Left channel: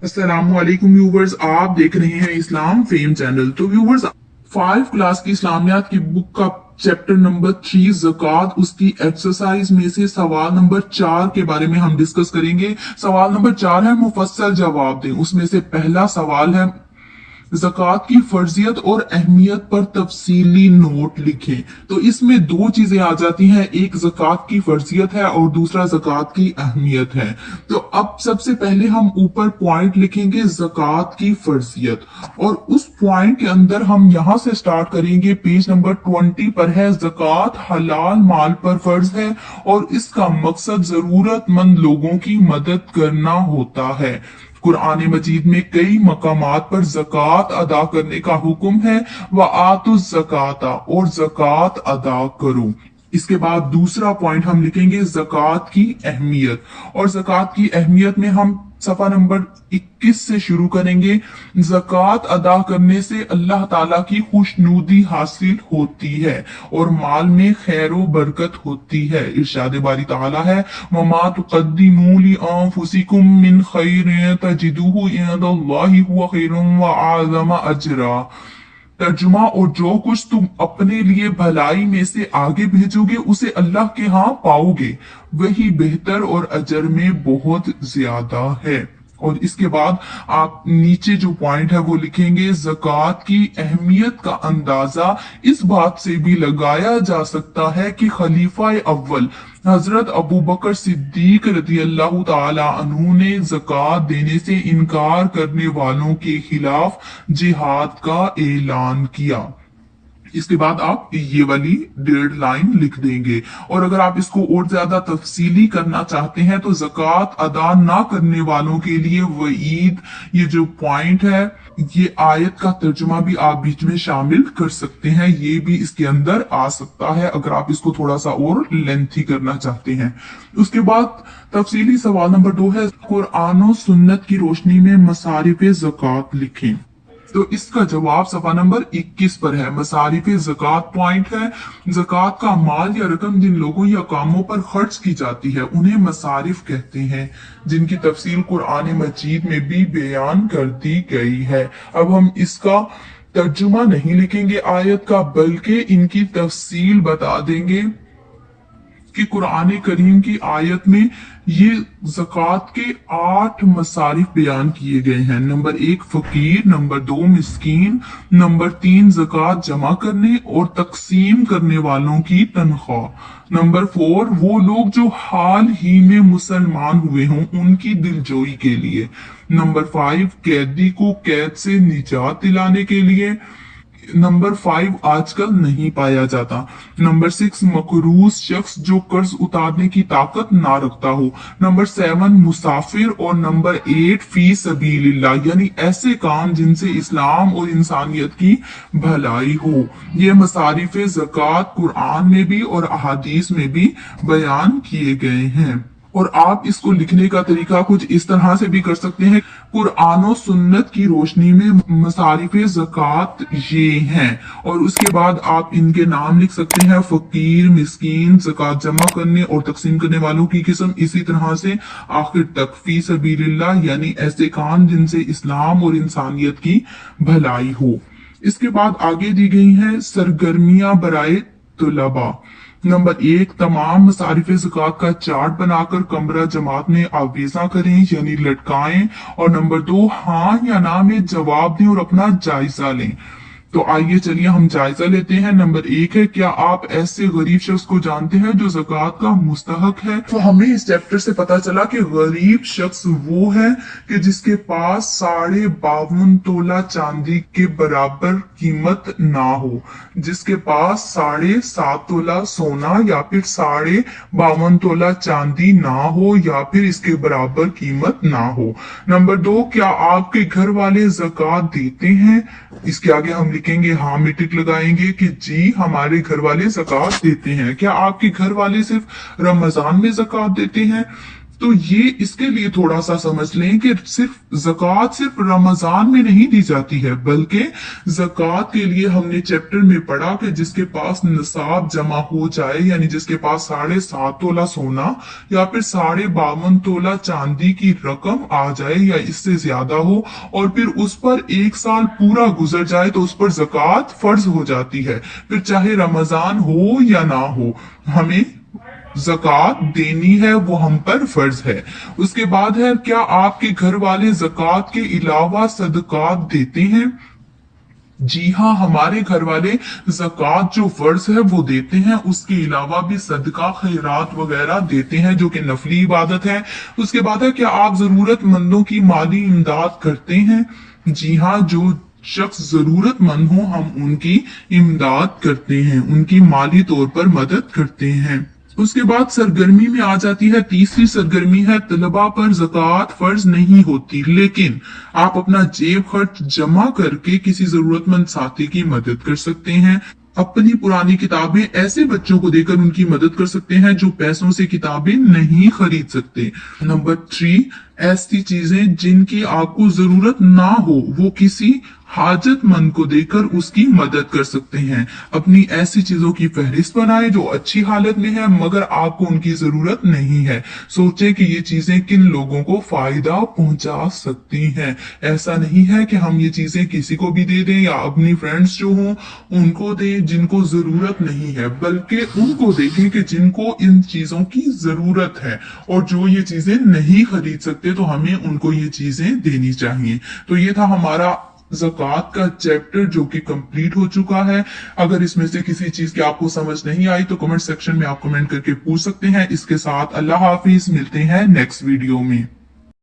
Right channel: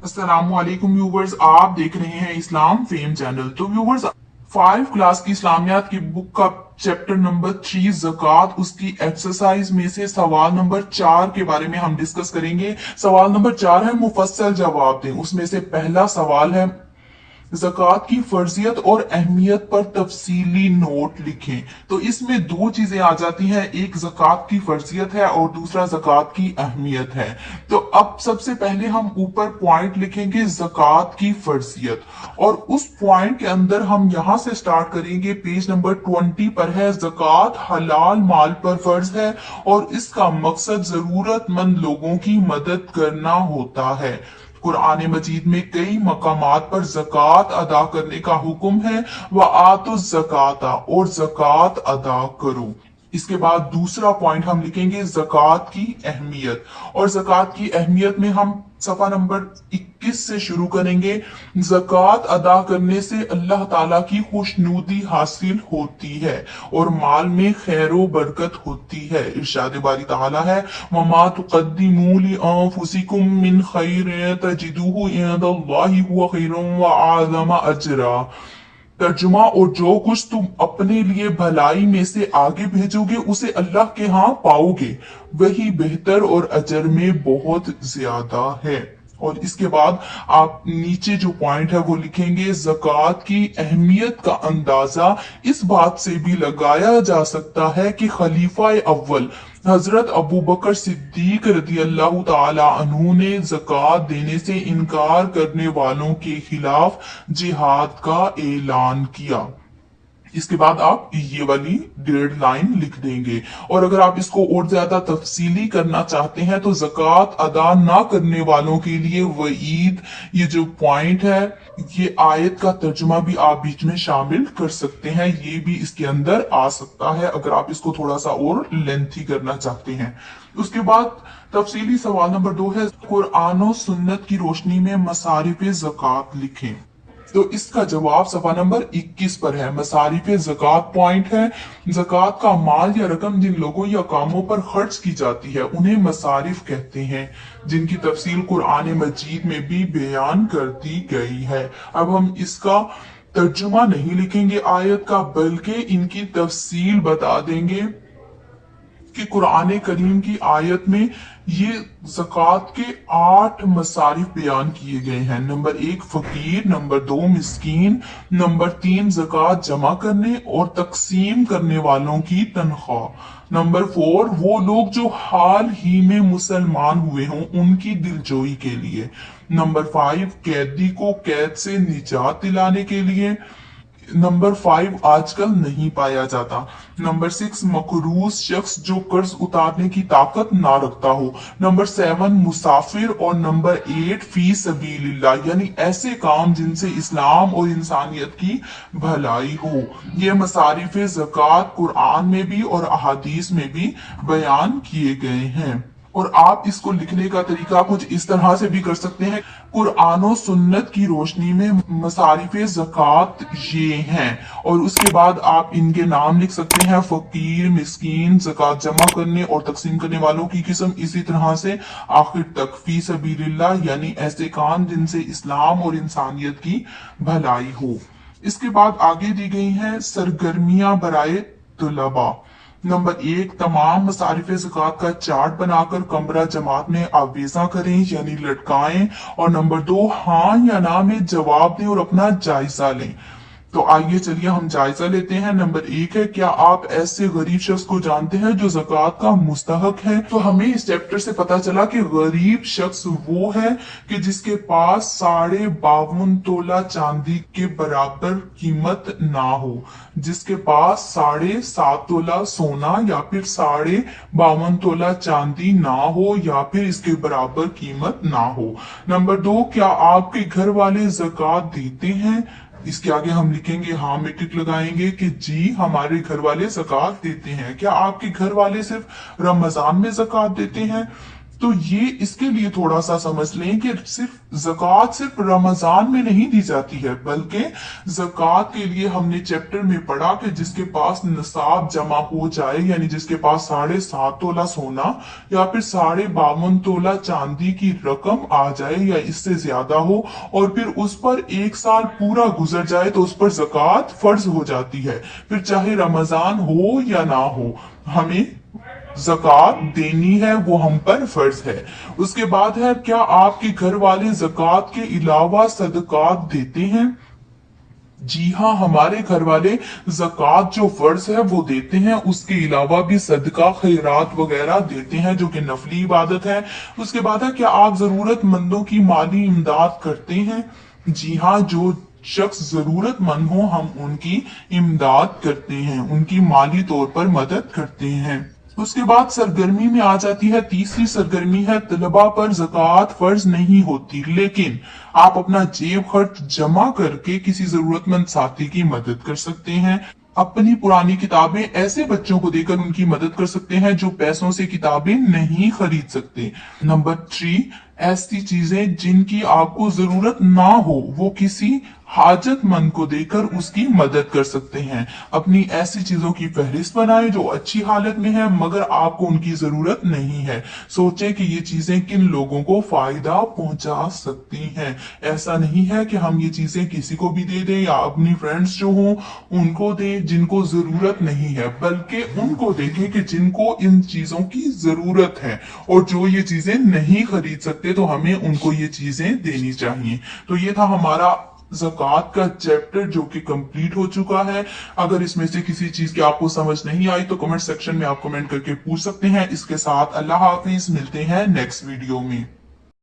अस्सलामुअलैकुम व्यूवर्स, आप देख रहे हैं इस्लाम फेम चैनल। तो व्यूवर्स, 5 क्लास की इस्लामियात की बुक का चैप्टर नंबर 3 ज़कात, उसकी एक्सरसाइज में से सवाल नंबर 4 के बारे में हम डिस्कस करेंगे। सवाल नंबर 4 है मुफस्सल जवाब दें। उसमें से पहला सवाल है ज़कात की फर्जियत और अहमियत पर तफसीली नोट लिखें। तो इसमें दो चीजें आ जाती हैं, एक ज़कात की फर्जियत है और दूसरा ज़कात की अहमियत है। तो अब सबसे पहले हम ऊपर पॉइंट लिखेंगे ज़कात की फर्जियत, और उस पॉइंट के अंदर हम यहां से स्टार्ट करेंगे। पेज नंबर 20 पर है, ज़कात हलाल माल पर फर्ज है और इसका मकसद जरूरतमंद लोगों की मदद करना होता है। कुरान मजीद में कई मकामात पर ज़कात अदा करने का हुक्म है। व आतु ज़काता, और ज़कात अदा करो। इसके बाद दूसरा पॉइंट हम लिखेंगे ज़कात की अहमियत, और ज़कात की अहमियत में हम सफा नंबर 21 से शुरू करेंगे। ज़कात अदा करने से अल्लाह ताला की खुशनुदी हासिल होती है और माल में खैर बरकत होती है। इरशाद बारी ताला है, वमा तुक़द्दिमू लिअन्फुसिकुम मिन खैरिन तजिदूहु इंदल्लाहि हुवा खैरन व आज़म अजरा। तर्जुमा, और जो कुछ तुम अपने लिए भलाई में से आगे भेजोगे उसे अल्लाह के यहाँ पाओगे, वही बेहतर और अजर में बहुत ज्यादा है। और इसके बाद आप नीचे जो पॉइंट है वो लिखेंगे, ज़कात की अहमियत का अंदाजा इस बात से भी लगाया जा सकता है कि खलीफा अव्वल हजरत अबू बकर सिद्दीक रजी अल्लाह ताला अन्हु ने ज़कात देने से इनकार करने वालों के खिलाफ जिहाद का ऐलान किया। इसके बाद आप ये वाली डेढ़ लाइन लिख देंगे। और अगर आप इसको और ज्यादा तफसीली करना चाहते हैं तो ज़कात अदा ना करने वालों के लिए वईद, ये जो पॉइंट है, ये आयत का तर्जुमा भी आप बीच में शामिल कर सकते हैं। ये भी इसके अंदर आ सकता है अगर आप इसको थोड़ा सा और लेंथी करना चाहते हैं। उसके बाद तफसीली सवाल नंबर 2 है, कुरान और सुन्नत की रोशनी में मसारिफ ज़कात लिखें। तो इसका जवाब सफा नंबर 21 पर है। मसारिफ ज़कात पॉइंट है, ज़कात का माल या रकम जिन लोगों या कामों पर खर्च की जाती है उन्हें मसारिफ कहते हैं, जिनकी तफसील कुरान मजीद में भी बयान कर दी गई है। अब हम इसका तर्जुमा नहीं लिखेंगे आयत का, बल्कि इनकी तफसील बता देंगे कि कुरान करीम की आयत में ये ज़कात के 8 मसारिफ बयान किए गए हैं। नंबर 1 फकीर, नंबर 2 मिस्कीन, नंबर 3 ज़कात जमा करने और तकसीम करने वालों की तनख्वाह, नंबर 4 वो लोग जो हाल ही में मुसलमान हुए हों उनकी दिलजोई के लिए, नंबर 5 कैदी को कैद से निजात दिलाने के लिए, नंबर 5 आजकल नहीं पाया जाता, नंबर 6 मकरूज शख्स जो कर्ज उतारने की ताकत ना रखता हो, नंबर 7 मुसाफिर, और नंबर 8 फी सबीलिल्लाह, यानी ऐसे काम जिनसे इस्लाम और इंसानियत की भलाई हो। ये मसारिफ ज़कात कुरान में भी और अहादीस में भी बयान किए गए हैं। और आप इसको लिखने का तरीका कुछ इस तरह से भी कर सकते हैं, कुरान और सुन्नत की रोशनी में मसारिफ ज़कात ये हैं, और उसके बाद आप इनके नाम लिख सकते हैं, फकीर, मिस्कीन, ज़कात जमा करने और तकसीम करने वालों की किस्म, इसी तरह से आखिर तक फी सबीलिल्लाह, यानी ऐसे काम जिनसे इस्लाम और इंसानियत की भलाई हो। इसके बाद आगे दी गई हैं सरगर्मियां बराए तुलबा। नंबर 1 तमाम मसारिफ ज़कात का चार्ट बनाकर कमरा जमात में आवेजा करें, यानी लटकाएं। और नंबर 2 हाँ या ना में जवाब दें और अपना जायजा लें। तो आइए चलिए हम जायजा लेते हैं। नंबर 1 है, क्या आप ऐसे गरीब शख्स को जानते हैं जो ज़कात का मुस्तहक है? तो हमें इस चैप्टर से पता चला कि गरीब शख्स वो है कि जिसके पास 52.5 तोला चांदी के बराबर कीमत ना हो, जिसके पास 7.5 तोला सोना या फिर 52.5 तोला चांदी ना हो या फिर इसके बराबर कीमत ना हो। नंबर 2, क्या आपके घर वाले ज़कात देते हैं? इसके आगे हम लिखेंगे हाँ में टिक लगाएंगे कि जी हमारे घर वाले ज़कात देते हैं। क्या आपके घर वाले सिर्फ रमजान में ज़कात देते हैं? तो ये इसके लिए थोड़ा सा समझ लें कि ज़कात सिर्फ रमजान में नहीं दी जाती है, बल्कि ज़कात के लिए हमने चैप्टर में पढ़ा कि जिसके पास निसाब जमा हो जाए, यानी जिसके पास 7.5 तोला सोना या फिर 52.5 तोला चांदी की रकम आ जाए या इससे ज्यादा हो, और फिर उस पर 1 साल पूरा गुजर जाए तो उस पर ज़कात फर्ज हो जाती है। फिर चाहे रमजान हो या ना हो, हमें ज़कात देनी है, वो हम पर फर्ज है। उसके बाद है, क्या आपके घर वाले ज़कात के अलावा सदकात देते हैं? जी हाँ, हमारे घर वाले ज़कात जो फर्ज है वो देते हैं, उसके अलावा भी सदका खैरात वगैरह देते हैं जो कि नफली इबादत है। उसके बाद है, क्या आप जरूरतमंदों की माली इमदाद करते हैं? जी हाँ, जो शख्स जरूरतमंद हो हम उनकी इमदाद करते हैं, उनकी माली तौर पर मदद करते हैं। उसके बाद सरगर्मी में आ जाती है, तीसरी सरगर्मी है, तलबा पर ज़कात फर्ज नहीं होती, लेकिन आप अपना जेब खर्च जमा करके किसी जरूरतमंद साथी की मदद कर सकते हैं। अपनी पुरानी किताबें ऐसे बच्चों को देकर उनकी मदद कर सकते हैं जो पैसों से किताबें नहीं खरीद सकते। नंबर 3, ऐसी चीजें जिनकी आपको जरूरत ना हो वो किसी हाजतमंद को देकर उसकी मदद कर सकते हैं। अपनी ऐसी चीजों की फहरिस्त बनाएं जो अच्छी हालत में है मगर आपको उनकी जरूरत नहीं है। सोचें कि ये चीजें किन लोगों को फायदा पहुंचा सकती हैं। ऐसा नहीं है कि हम ये चीजें किसी को भी दे दें या अपनी फ्रेंड्स जो हों उनको दें जिनको जरूरत नहीं है, बल्कि उनको देखें कि जिनको इन चीजों की जरूरत है, और जो ये चीजें नहीं खरीद सकते तो हमें उनको ये चीजें देनी चाहिए। तो ये था हमारा ज़कात का चैप्टर जो कि कंप्लीट हो चुका है। अगर इसमें से किसी चीज की आपको समझ नहीं आई तो कमेंट सेक्शन में आप कमेंट करके पूछ सकते हैं। इसके साथ अल्लाह हाफिज, मिलते हैं नेक्स्ट वीडियो में।